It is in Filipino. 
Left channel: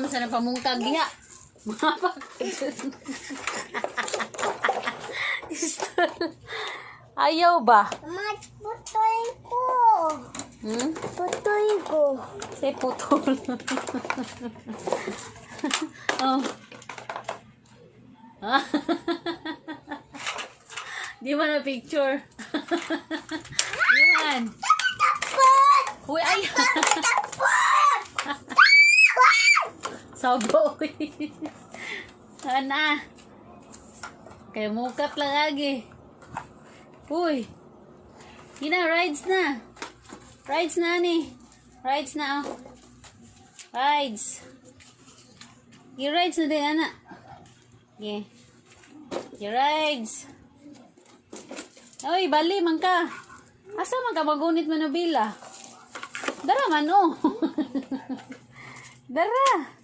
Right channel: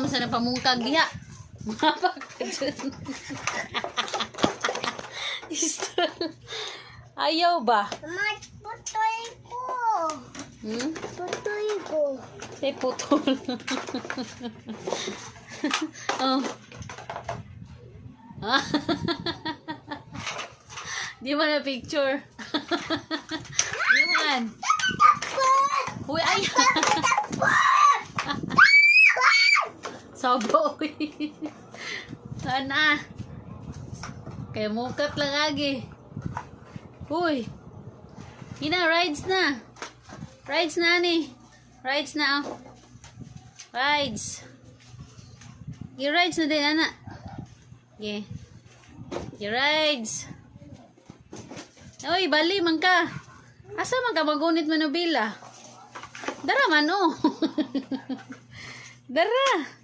Masa na pamungkag diha. Ayaw ba? Mat, putoy ko. Hmm? Putoy ko. Say putol. oh. Ah. Di mo na picture. Yuhan. Takot! Uy, ay. Saboy. Ana. Kaya mukat lang agi. Uy. Ina, rides na. Rides na ni. Rides na oh. Rides. I-rides na din, ana. Yeah. I-rides. Uy, bali man ka. Asa man ka magunit manubila? Dara man oh. Dara.